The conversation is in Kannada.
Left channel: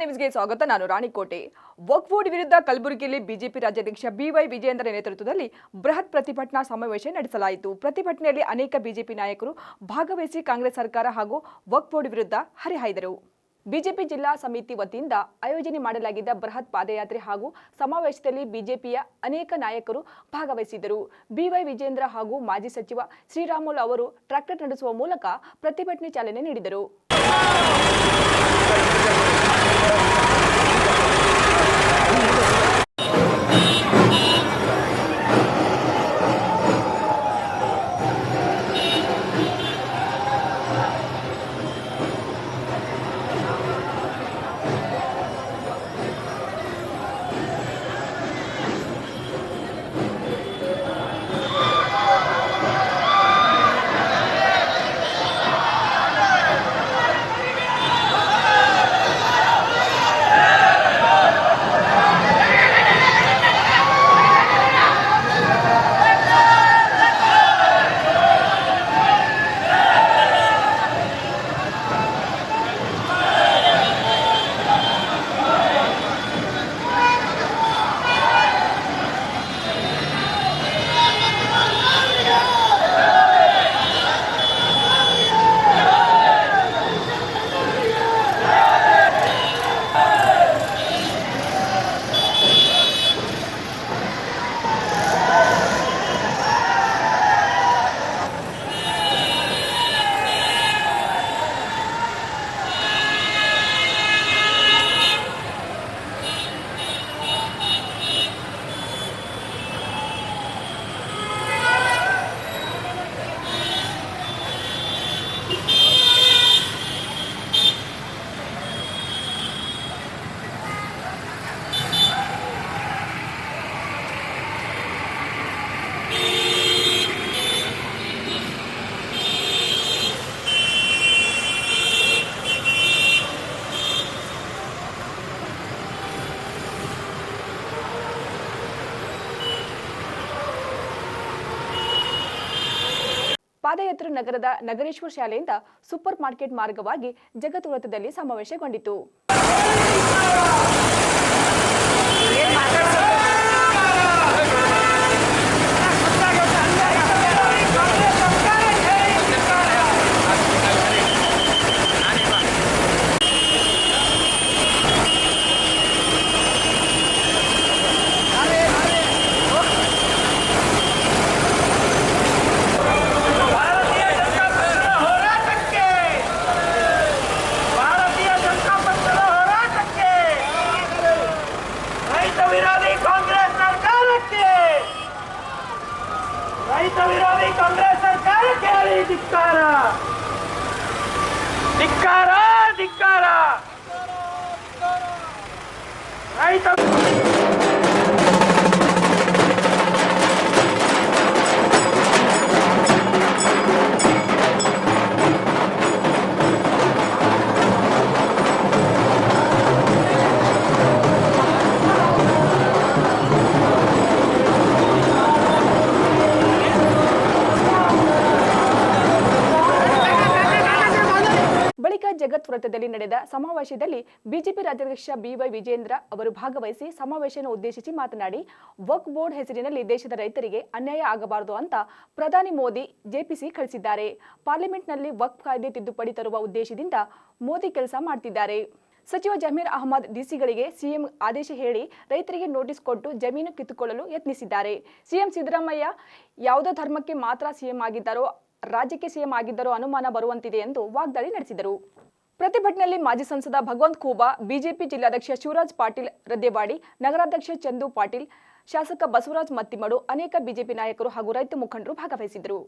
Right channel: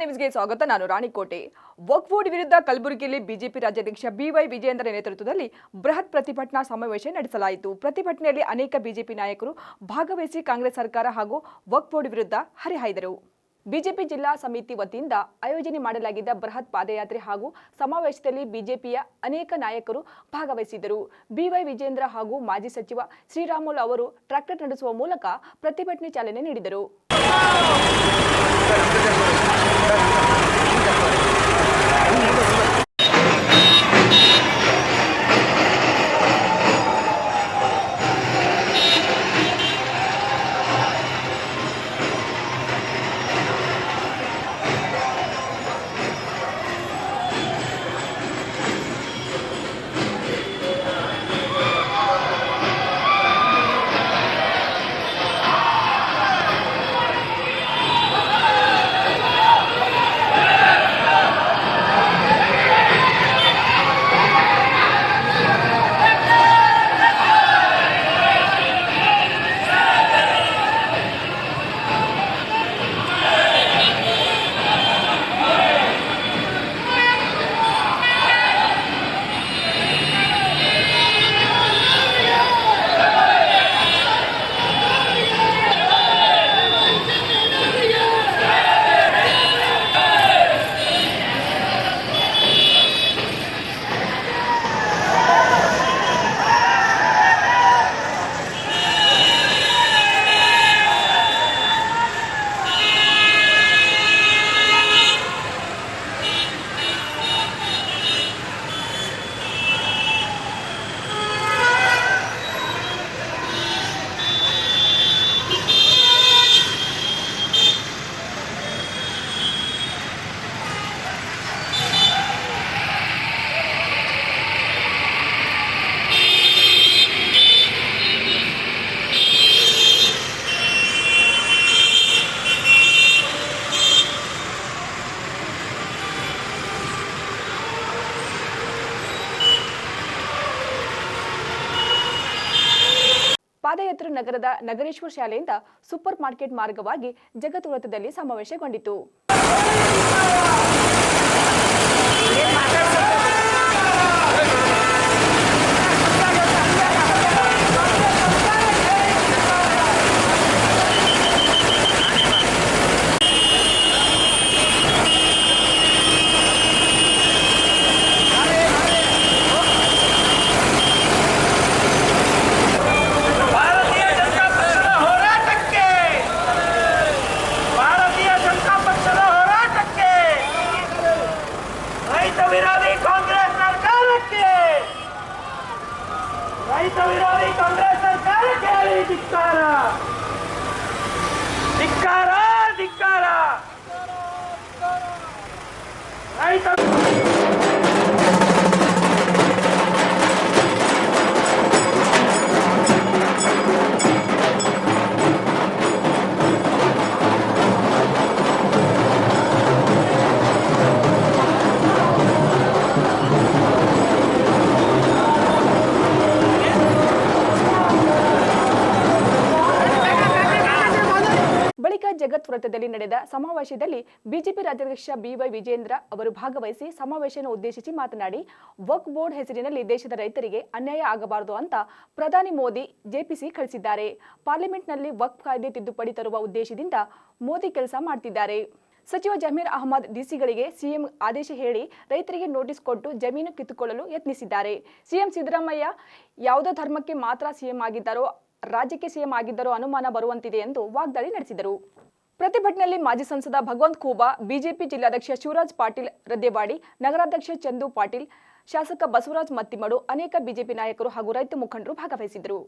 ನ್ಯೂಸ್ಗೆ ಸ್ವಾಗತ. ನಾನು ರಾಣಿಕೋಟೆ. ವಕ್ಫ್ ಬೋರ್ಡ್ ವಿರುದ್ಧ ಕಲಬುರಗಿಯಲ್ಲಿ ಬಿಜೆಪಿ ರಾಜ್ಯಾಧ್ಯಕ್ಷ ಬಿವೈ ವಿಜಯೇಂದ್ರ ನೇತೃತ್ವದಲ್ಲಿ ಬೃಹತ್ ಪ್ರತಿಭಟನಾ ಸಮಾವೇಶ ನಡೆಸಲಾಯಿತು. ಪ್ರತಿಭಟನೆಯಲ್ಲಿ ಅನೇಕ ಬಿಜೆಪಿ ನಾಯಕರು ಭಾಗವಹಿಸಿ ಕಾಂಗ್ರೆಸ್ ಸರ್ಕಾರ ಹಾಗೂ ವಕ್ಫ್ ಬೋರ್ಡ್ ವಿರುದ್ಧ ಹರಿಹಾಯ್ದರು. ಬಿಜೆಪಿ ಜಿಲ್ಲಾ ಸಮಿತಿ ವತಿಯಿಂದ ಆಯೋಜನೆ ಮಾಡಲಾಗಿದ್ದ ಬೃಹತ್ ಪಾದಯಾತ್ರೆ ಹಾಗೂ ಸಮಾವೇಶದಲ್ಲಿ ಬಿಜೆಪಿಯ ಅನೇಕ ನಾಯಕರು ಭಾಗವಹಿಸಿದ್ದರು. ಬಿವೈ ವಿಜಯೇಂದ್ರ ಹಾಗೂ ಮಾಜಿ ಸಚಿವ ಶ್ರೀರಾಮುಲು ಅವರು ಟ್ರ್ಯಾಕ್ಟರ್ ನಡೆಸುವ ಮೂಲಕ ಪ್ರತಿಭಟನೆ ಚಾಲನೆ ನೀಡಿದರು. ಪಾದಯಾತ್ರೆ ನಗರದ ನಗರೇಶ್ವರ ಶಾಲೆಯಿಂದ ಸೂಪರ್ ಮಾರ್ಕೆಟ್ ಮಾರ್ಗವಾಗಿ ಜಗತ್ ವೃತ್ತದಲ್ಲಿ ಸಮಾವೇಶಗೊಂಡಿತು. ರೈತ ವಿರೋಧಿ ಕಾಂಗ್ರೆಸ್ ಸರ್ಕಾರಕ್ಕೆ ಧಿಕ್ಕಾರ, ಧಿಕ್ಕಾರ, ಧಿಕ್ಕಾರ. ರೈತ ಜಗತ್ ವೃತ್ತದಲ್ಲಿ ನಡೆದ ಸಮಾವೇಶದಲ್ಲಿ ಬಿಜೆಪಿ ರಾಜ್ಯಾಧ್ಯಕ್ಷ ಬಿವೈ ವಿಜಯೇಂದ್ರ ಅವರು ಭಾಗವಹಿಸಿ ಸಮಾವೇಶವನ್ನು ಉದ್ದೇಶಿಸಿ ಮಾತನಾಡಿ, ವಕ್ಫ್ ಬೋರ್ಡ್ ಹೆಸರಿನಲ್ಲಿ ದೇಶದ ರೈತರಿಗೆ ಅನ್ಯಾಯ ಆಗಬಾರದು ಅಂತ ಪ್ರಧಾನಿ ಮೋದಿ ಜೆಪಿಸಿ ಕಳಿಸಿದ್ದಾರೆ. ಪಾರ್ಲಿಮೆಂಟ್ನಲ್ಲಿ ವಕ್ಫ್ ಕಾಯ್ದೆ ತಿದ್ದುಪಡಿ ತರುವ ಉದ್ದೇಶದಿಂದ ಮೋದಿ ಕೆಲಸ ಮಾಡ್ತಿದ್ದಾರೆ. ಸಚಿವ ಜಮೀರ್ ಅಹಮದ್ ಡಿಸಿಗಳಿಗೆ ಸಿಎಂ ಆದೇಶ ಹೇಳಿ ರೈತರಿಗೆ ನೋಟಿಸ್ ಕೊಟ್ಟು ಜಮೀನು ಕಿತ್ತುಕೊಳ್ಳಲು ಯತ್ನಿಸಿದ್ದಾರೆ. ಸಿಎಂ ಸಿದ್ದರಾಮಯ್ಯ ಯಾವುದೋ ಧರ್ಮಕ್ಕೆ ಮಾತ್ರ ಸಿಎಂ ಆಗಿದ್ದಾರೋ ರಾಜ್ಯಕ್ಕೆ ಸಿಎಂ ಆಗಿದ್ದಾರೋ ಅನುಮಾನ ಬರುವಂತಿದೆ ಎಂದು ವಾಗ್ದಾಳಿ ನಡೆಸಿದರು. ಪ್ರತಿಭಟನೆಯಲ್ಲಿ ಮಾಜಿ ಸಂಸದ ಭಗವಂತ್ ಖೂಬಾ, ಬಿಜೆಪಿ ಜಿಲ್ಲಾಧ್ಯಕ್ಷ ಶಿವರಾಜ್ ಪಾಟೀಲ್ ರದ್ದೇವಾಡಿ, ನಗರಾಧ್ಯಕ್ಷ ಚಂದು ಪಾಟೀಲ್, ಶಾಸಕ ಬಸವರಾಜ್ ಮತ್ತಿಮಡು, ಅನೇಕ ಬಿಜೆಪಿ ನಾಯಕರು ಹಾಗೂ ರೈತ ಮುಖಂಡರು ಭಾಗವಹಿಸಿದರು.